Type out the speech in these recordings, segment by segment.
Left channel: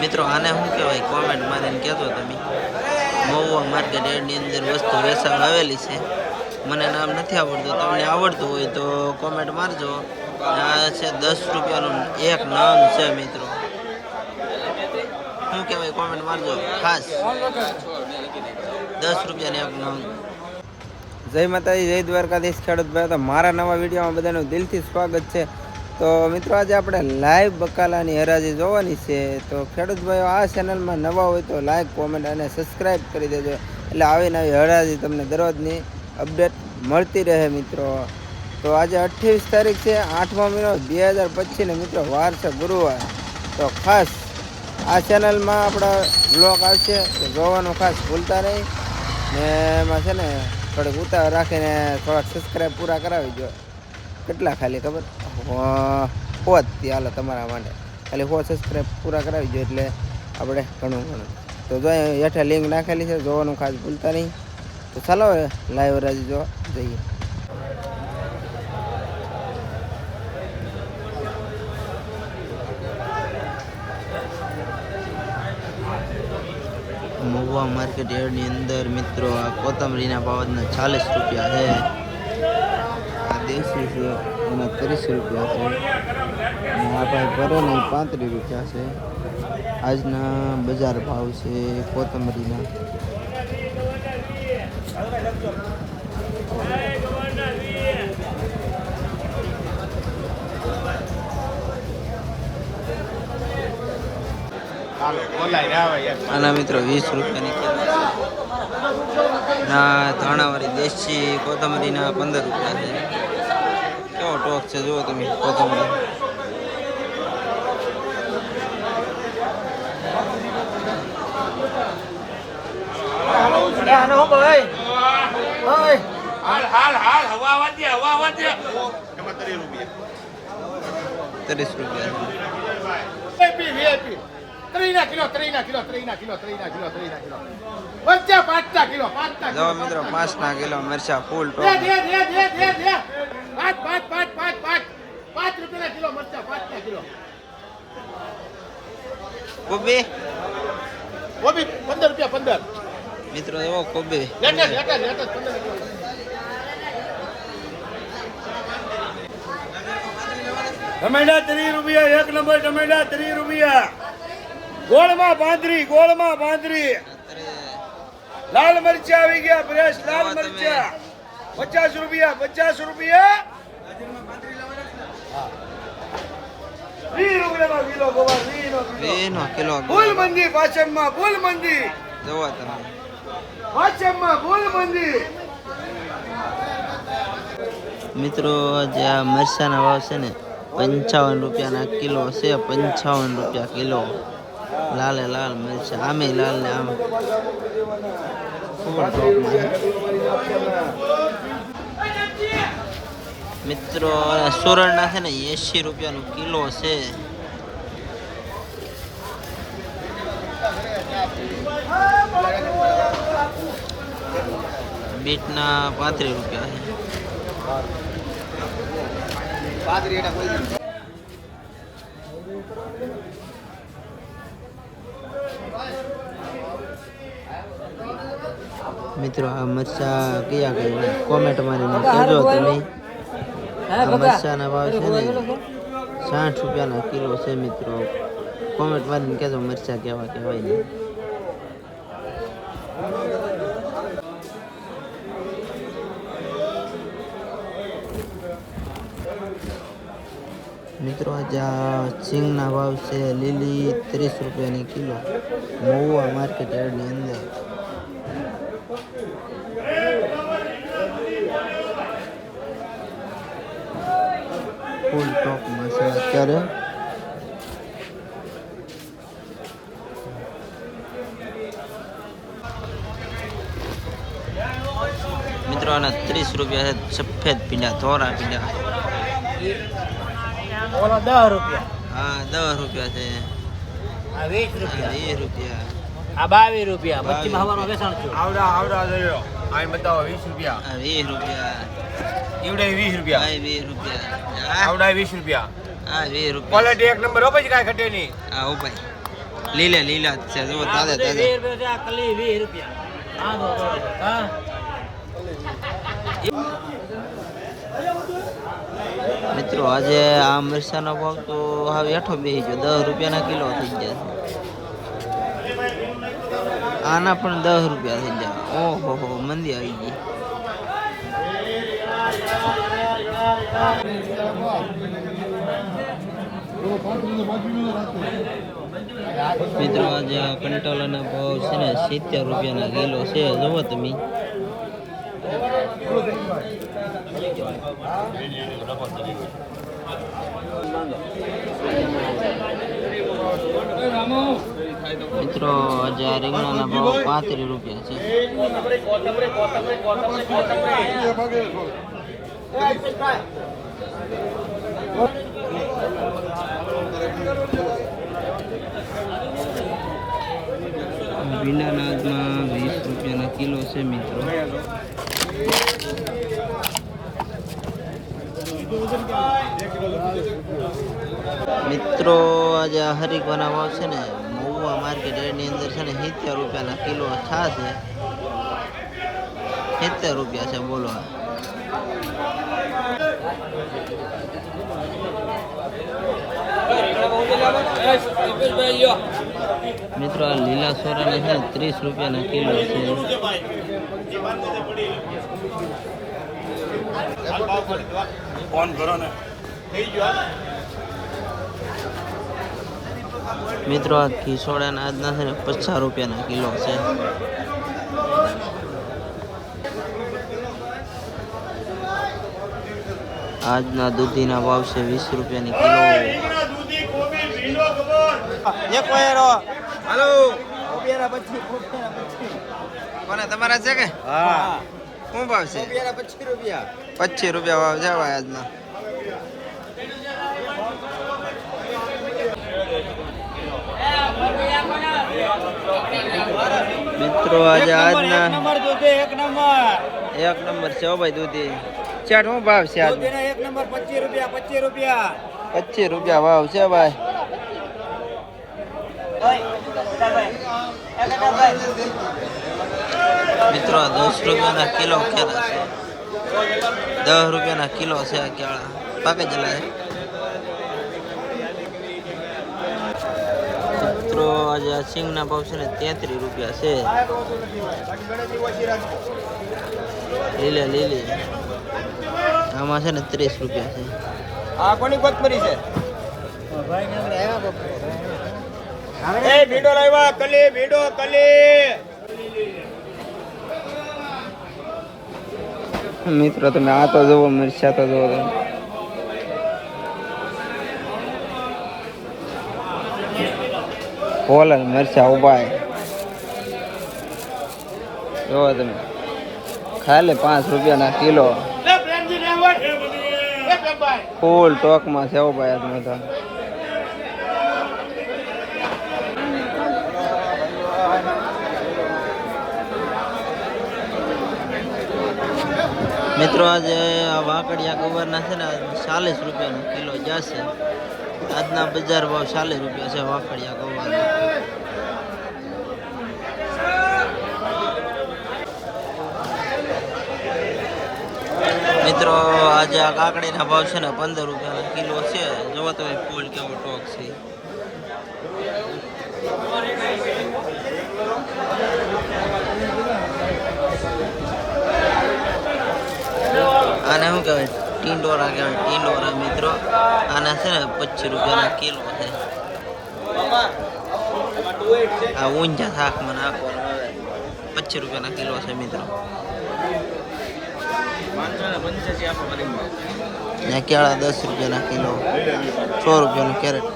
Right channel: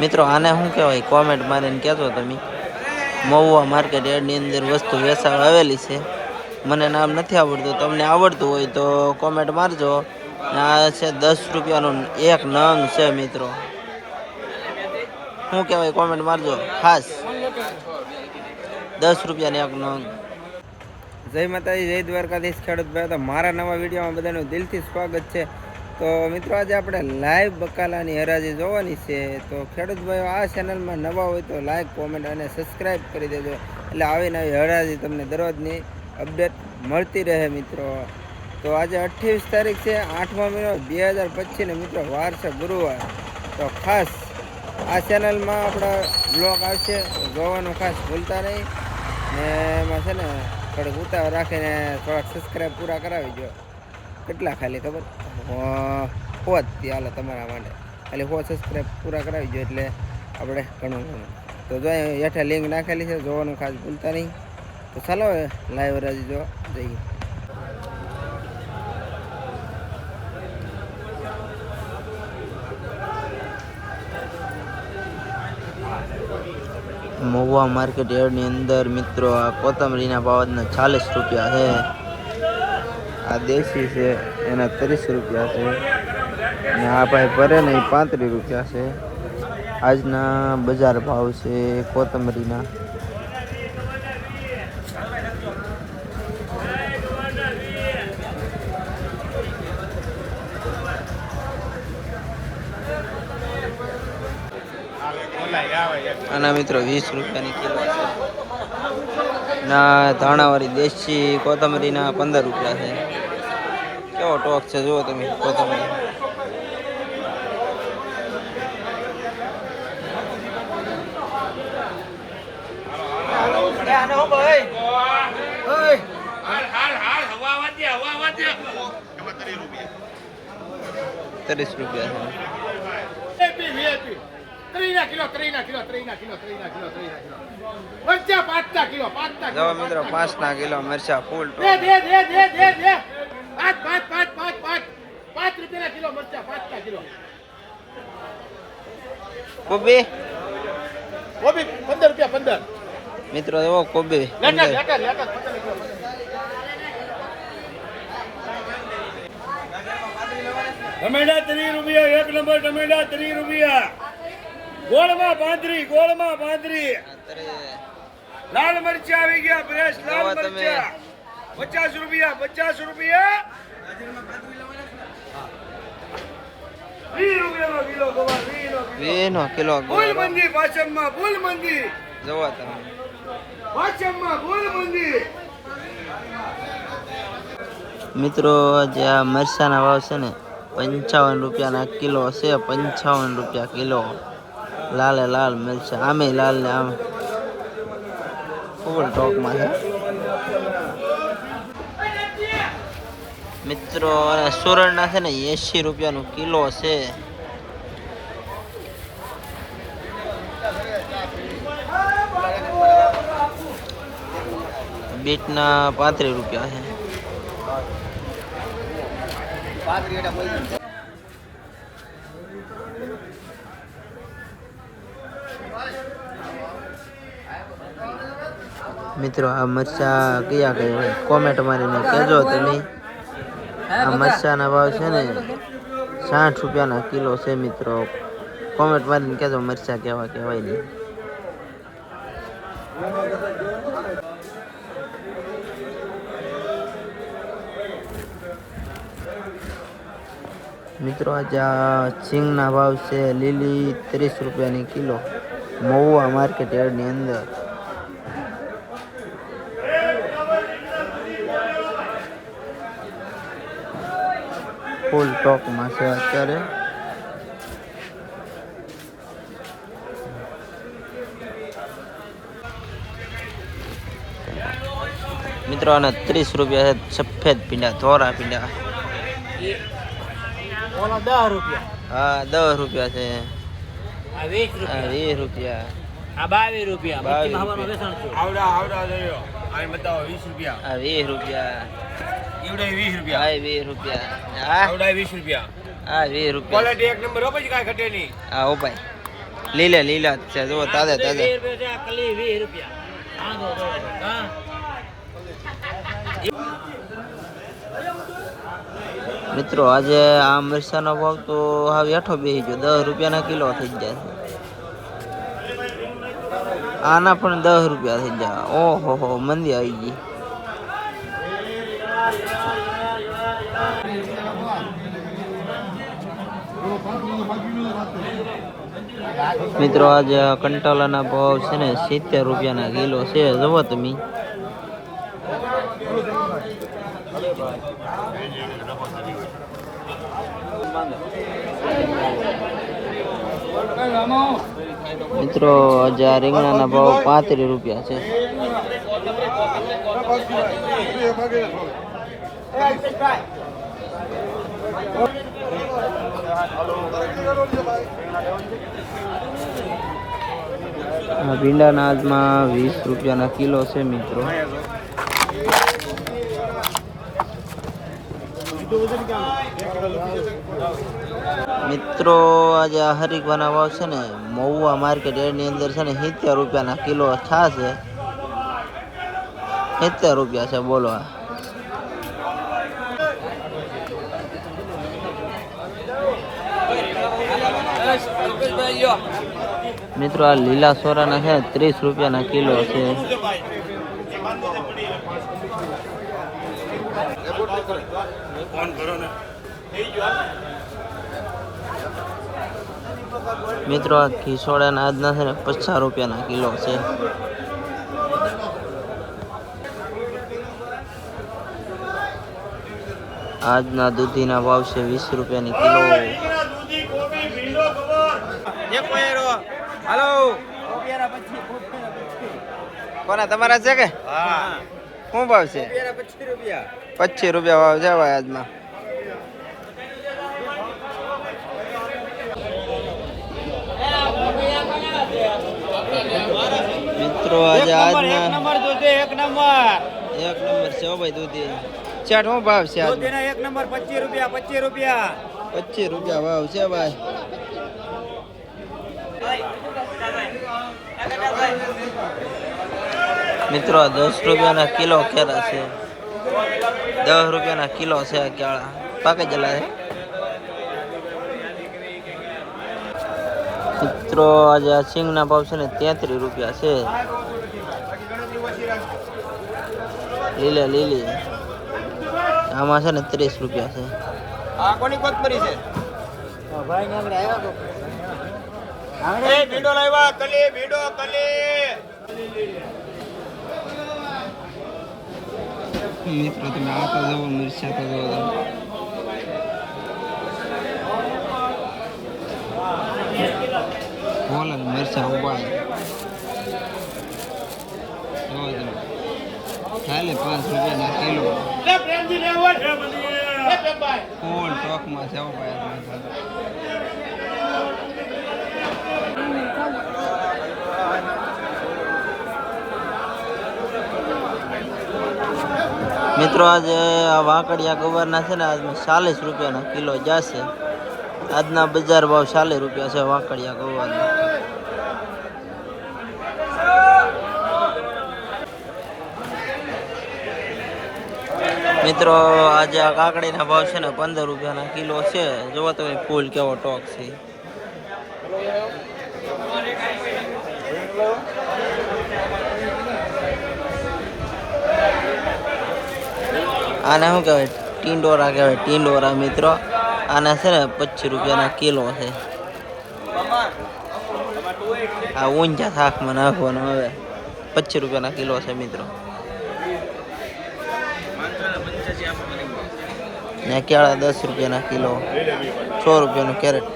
મિત્રો આને શું કહેવાય કોમેન્ટ મારીને કહેતો તમે. મહુવા માર્કેટ યાર્ડની અંદર વસ્તુ વેચાવા આવેલી છે. મને નામ નથી આવડતું, તમને આવડતું હોય તો કોમેન્ટ મારજો. આ છે 10 રૂપિયાનું એક નંગ છે મિત્રો. શું કહેવાય કોમેન્ટ મારજો ખાસ. 10 રૂપિયાની એક નંગ. જય માતાજી, જય દ્વારકાધીશ ખેડૂત ભાઈ. તો મારા નવા વિડીયોમાં બધાનું દિલથી સ્વાગત છે. તો મિત્રો આજે આપણે લાઈવ બકાલાની હરાજી જોવાની છે. તો ખેડૂત ભાઈઓ આ ચેનલમાં નવા હોય તો લાઈક, કોમેન્ટ અને સબસ્ક્રાઈબ કરી દેજો. એટલે આવીને આવી હરાજી તમને દરરોજની અપડેટ મળતી રહે મિત્રો. તો આજે 28 તારીખ છે, 8મો મહિનો 2025 ને મિત્રો વાર છે ગુરુવાર. તો ખાસ આ ચેનલમાં આપણા બ્લોગ આવશે તો જોવાનું ખાસ ભૂલતા નહીં. ને એમાં છે ને થોડીક ઉતાવળ રાખીને થોડાક સબસ્ક્રાઈબ પૂરા કરાવી દો. કેટલા ખાલી ખબર? 100 હાલો તમારા માટે. ખાલી 100 સબસ્ક્રાઈબ પૂરા કરાવી દો એટલે આપણે ઘણું. તો જો હેઠે લિંક નાખેલી છે, જોવાનું ખાસ ભૂલતા નહીં. તો ચાલો લાઈવ હરાજી જો જઈએ. મહુવા માર્કેટ યાર્ડની અંદર મિત્રો આ કોથમરીના ભાવના 40 રૂપિયા છે. આ દેશી છે એના 30 રૂપિયા છે. અને આ ભાઈ ભરે ને 35 રૂપિયા છે. આજના બજાર ભાવ છે કોથમરીના. આના મિત્રો 20 રૂપિયાની કિલો છે. ના ધાણાવાળી દેશી કોથમરીના 15 રૂપિયા છે. કેવો ટોક છે જુઓ તમે કોથમરી. ₹30 રૂપિયા છે. જો મિત્રો 5 કિલો મરચા ફૂલ ટોપ. 5 રૂપિયા કિલો મરચા, 5 કિલો. કોબી 15 રૂપિયા 15 મિત્રો. એવો કોબી 15. ટમેટા 30 રૂપિયા, એક નંબર ટમેટા 30 રૂપિયા. ગોળમાં પાંદરી. લાલ મરચા આવી ગયા, ફ્રેશ લાલ મરચા 50 રૂપિયા. 20 રૂપિયાનો કિલો ગોવા, 20 કિલો. ફૂલ મંદી પાછળમાં, ફૂલ મંદી જોવા તમે પાછળમાં, ફૂલ મંદી. મિત્રો જે આ મરચાના ભાવ છે ને 55 રૂપિયાના કિલો છે. 55 રૂપિયા કિલો. લાલે લાલ મરચા, આમે લાલ ને આમ ફૂલ ટોકમાં છે મિત્રો. સુરણના છે ને 80 રૂપિયાનું કિલો છે. બીટના 35 રૂપિયા છે. મિત્રો આ મરચા કયા કોમેન્ટ મારીને કહેજો તમે. આ મરચાના ભાવ છે ને 60 રૂપિયાના કિલો છે મિત્રો. કોમેન્ટ મારીને કહેજો મરચા કેવા કહેવાય નહીં. મિત્રો આજે આ સિંગના ભાવ છે લીલી 30 રૂપિયાની કિલો. મહુવા માર્કેટ યાર્ડની અંદર. ફૂલ ટોકમાં છે અત્યારે. મિત્રો આના 30 રૂપિયા છે. સફેદ પીંડા, ધોરા પીંડા. 10 રૂપિયા. હા 10 રૂપિયા છે. આ 20 રૂપિયા. 20 રૂપિયા. આ 22 રૂપિયા. બત્તીમાં હવાનું વેચાણ છે. આવડા જોયો. આ બતાવો 20 રૂપિયા. આ 20 રૂપિયા. ઈવડે 20 રૂપિયા. આ 20 રૂપિયા. આવડા 20 રૂપિયા. આ 20 રૂપિયા. ક્વોલિટી એક નંબર હો, પછી કાંઈ ઘટે નહીં. આ ઓ ભાઈ લીલા લીલા જ છે જો તાજા તાજા 20 રૂપિયા છે, આ કલી 20 રૂપિયા. હા દો બરોબર. હા મિત્રો આજે આ મરચાનો ભાવ તો હાવ હેઠો બેસી ગયો 10 રૂપિયાના કિલો થઈ ગયા છે આના પણ 10 રૂપિયા થઈ ગયા ઓહો હો મંદી આવી ગઈ મિત્રો આજે કંટાલાના ભાવ છે ને 70 રૂપિયાના કિલો છે જુઓ તમે મિત્રો આજે આ રીંગણાના ભાવ 35 રૂપિયા છે ભીંડાના આજમાં 20 રૂપિયાના કિલો છે મિત્રો મિત્રો આજે આ હરીકવાના ભાવ છે ને મહુવા માર્કેટ એની અંદર છે ને 70 રૂપિયાના કિલો છા છે 70 રૂપિયા છે બોલો મિત્રો આ લીલા સોરાના છે 30 રૂપિયાના કિલો છે મિત્રો આ ખીસોડાના આજના છે ને 50 રૂપિયાના કિલો છે આજના દૂધીના ભાવ છે 20 રૂપિયાની કિલો કોને તમારા છે કે શું ભાવ છે 25 રૂપિયા ભાવ છે ભાઈ આજના મિત્રો આજે આજના એક નંબર છે ભાઈ દૂધી ચાટ શું ભાવ છે આજ એક નંબર 25 રૂપિયા 25 રૂપિયા 25 રૂપિયા ભાવ છે ભાઈ મિત્રો 10 રૂપિયાના કિલો કેળા છે 10 રૂપિયાના કિલો છે આ કેળા પાકે જલા છે મિત્રો આજે આ સિંગના ભાવ છે ને 33 રૂપિયા છે લીલા લીલી આમાં છે ને 30 રૂપિયા છે મિત્રો તમે આ તો જુઓ મિર્ચા તો જુઓ તમે પોલર મરચા ઉભા જુઓ તમે ખાલી 5 રૂપિયાના કિલો ફૂલ ટોકમાં છે ભાઈ આજમાં તો મિત્રો આજે આ વાકડિયા ગવારના છે ને આજમાં 40 રૂપિયાના કિલો જશે આજના બજાર ભાવ 40 રૂપિયા છે વાકડિયા ગવારના મિત્રો આજે આ કાકડીના ભાવ છે ને 15 રૂપિયાના કિલો છે જોવો તમે ફૂલ કેવો ટોક છે આને શું કહેવાય ટીંડોરા કહેવાય ટીંડોરા મિત્રો આના છે ને 25 રૂપિયાના કિલો છે આ ઊંચા થાકમાં નાખવાનું 25 રૂપિયાના કિલો છે મિત્રો ને કેળા 10 રૂપિયાના કિલો 100 રૂપિયાનું કેરેટ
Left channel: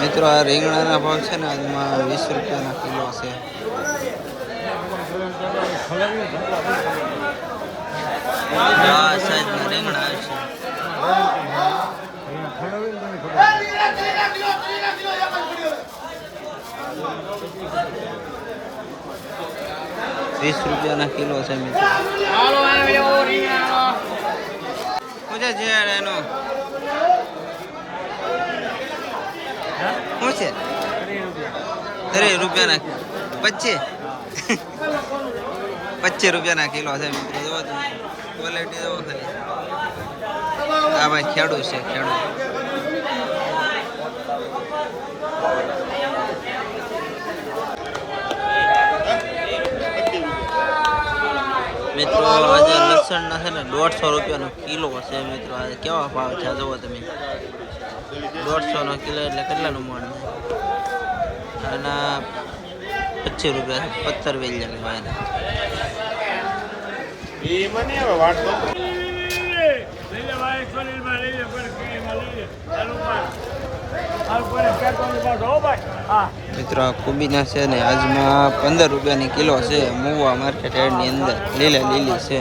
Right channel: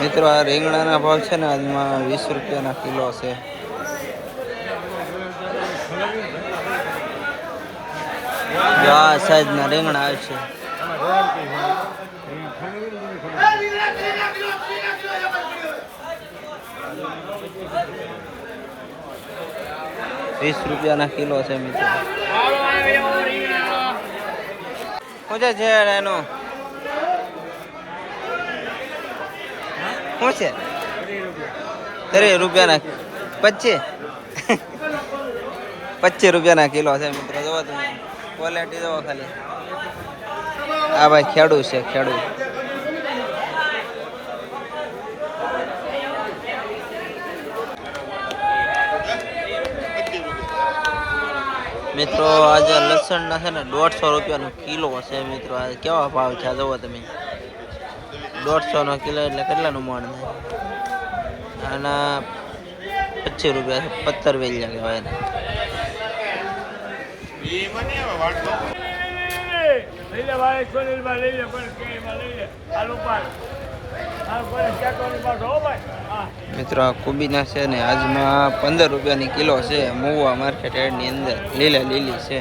મિત્રો આ રીંગણાના ભાવ છે ને આજમાં 20 રૂપિયાના કિલો છે આ સાઈઝના રીંગણા આવે છે 20 રૂપિયાના કિલો છે મિત્રો શું છે એનો શું છે 30 રૂપિયાના 25 25 રૂપિયાના કિલો છે મિત્રો. જોવો તમે ક્વોલિટી જોવો ખાલી. આ ભાઈ ખેડૂત છે, ખેડૂત. મિત્રો આજે લસણ ના છે ને 150 રૂપિયાનો કિલો છે મિત્રો. આ કેવા ભાવ છે જોવો તમે. 150 નો કિલો એટલે કેટલાનું મણ થાય? આના 25 રૂપિયા છે. 17 વેલ્યા કહેવાય એને. મિત્રો આ કોબીના છે ને આજમાં 15 રૂપિયાની કિલો છે. મહુવા માર્કેટ યાર્ડની અંદર લીલી છે.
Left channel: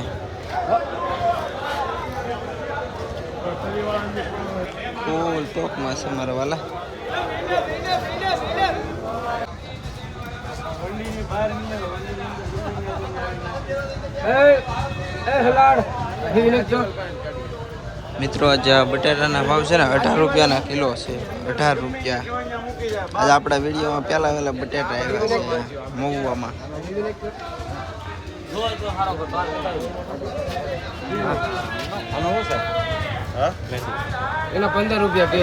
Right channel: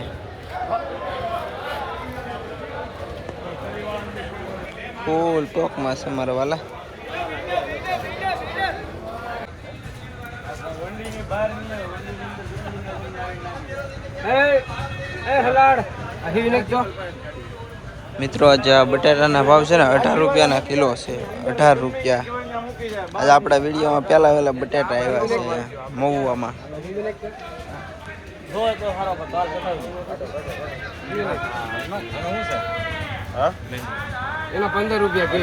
ફૂલ ટોકમાં છે મારા વાલા. મિત્રો આજે બટાટાના ભાવ છે ને 18 રૂપિયાના કિલો છે. 18 રૂપિયા. આજે આપણા વિડીયોમાં પહેલા બટાટા આવ્યા છે મહુવામાં. એના 15 રૂપિયા કે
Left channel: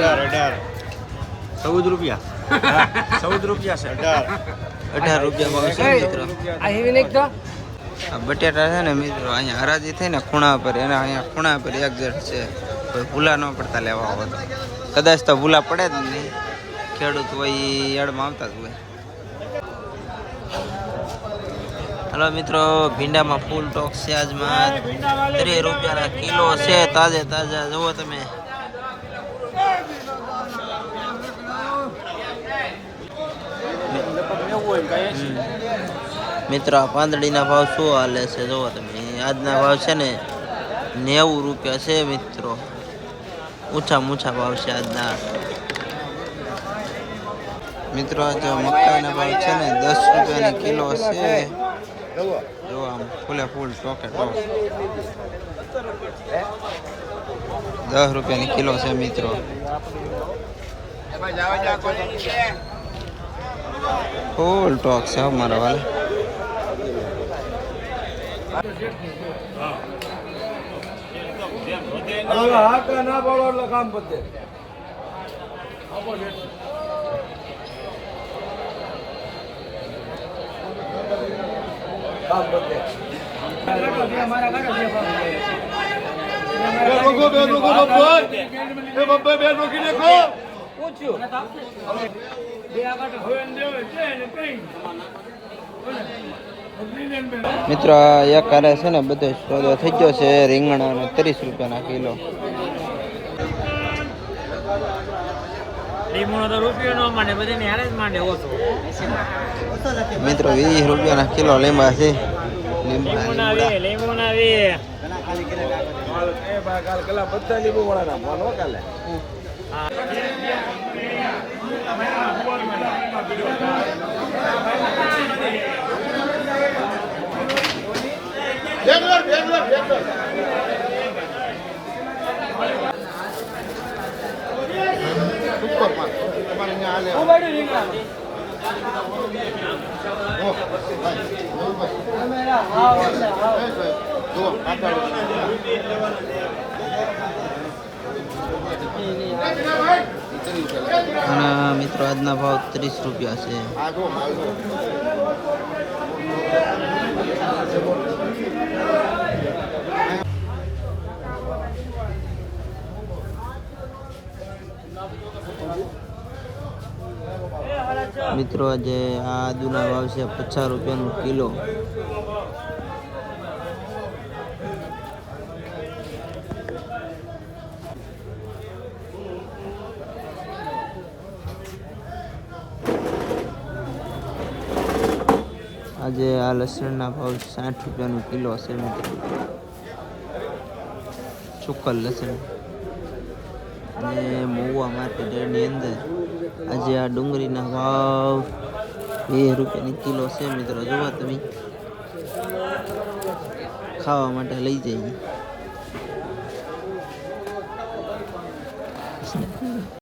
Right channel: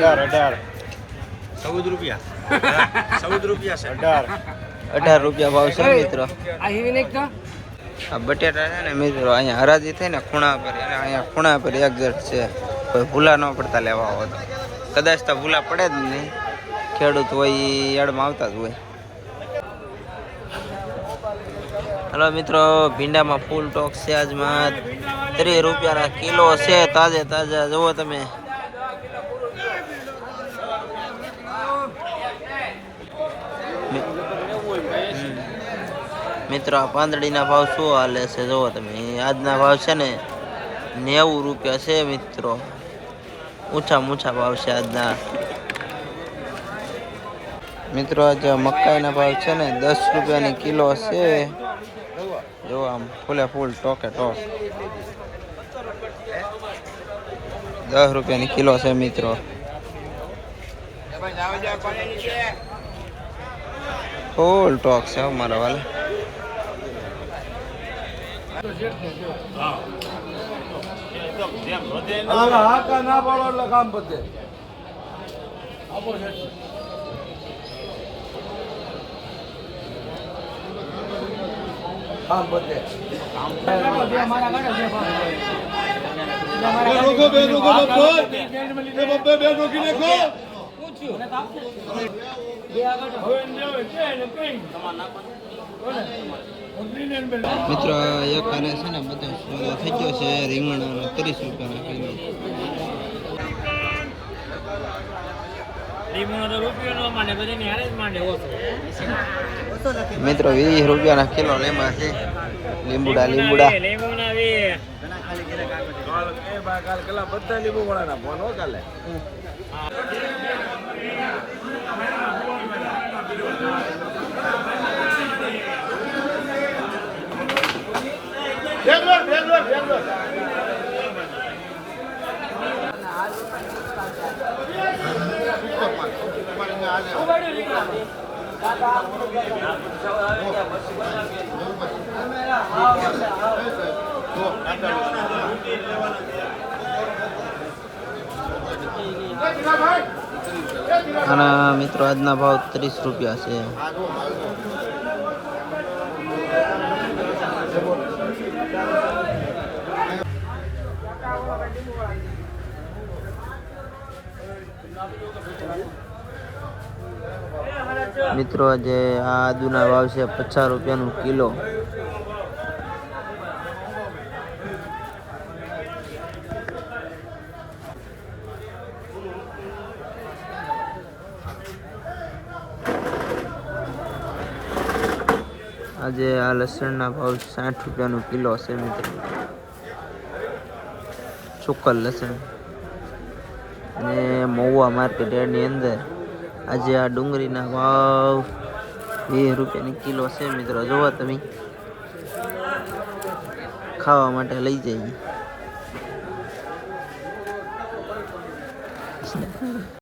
14 રૂપિયા 14 રૂપિયા છે. 18 રૂપિયા ભાવ છે મિત્રો. આ હેવી નાખ તો આ બટેટા છે ને મિત્રો અહીંયા હરાજી થઈ ને ખૂણા પર, એના અહીંયા ખૂણા પર એક જટ છે. કોઈ ભૂલા ન પડતા લેવા આવો તો. કદાચ તો ભૂલા પડે જ નહીં. ખેડૂત હોય એ યાર્ડમાં આવતા જ હોય. હલો મિત્રો, ભીંડામાં ફૂલ ટોક છે આજમાં. 30 રૂપિયાના કિલો છે. તાજા જુઓ તમે. મિત્રો આ પાંદડીના ભાવ શું હાલે છે જુઓ તમે. આજના ભાવ છે ને 90 રૂપિયા છે મિત્રો. ઊંચા ભાવ છે આજના. મિત્રો આજે મકાઈના ભાવ છે ને 10 રૂપિયાની કિલો છે. જો આમ ફૂલ ટોકે ટોક 10 રૂપિયાની કિલો છે મિત્રો. ફૂલ ટોક છે મારા વાલા. ના પાડો એટલે કામ પતે. કામ પતે. મિત્રો એક હારે છે ને બધો સોદો થઈ ગયો છે. રીંગણાનો 30 રૂપિયાના કિલો. મિત્રો 20 રૂપિયાના કિલો લીંબા છે. લીંબુડા બધા લીંબુ વાળાના ફોન હો કાલે. આના મિત્રો આજના ભાવ 30 રૂપિયા છે. મિત્રો આજે આ આદુના ભાવ છે 50 રૂપિયાનું કિલો. આજે આ લસણના ભાવ 60 રૂપિયાનું કિલો છે મિત્રો. ચોખ્ખલ લસણ. ને મહુવા માર્કેટ ની અંદર આજે આ ડુંગળીના ભાવ 20 રૂપિયાની કિલો છે મિત્રો. જોવો તમે. ખાવા માટે લઈ જઈએ.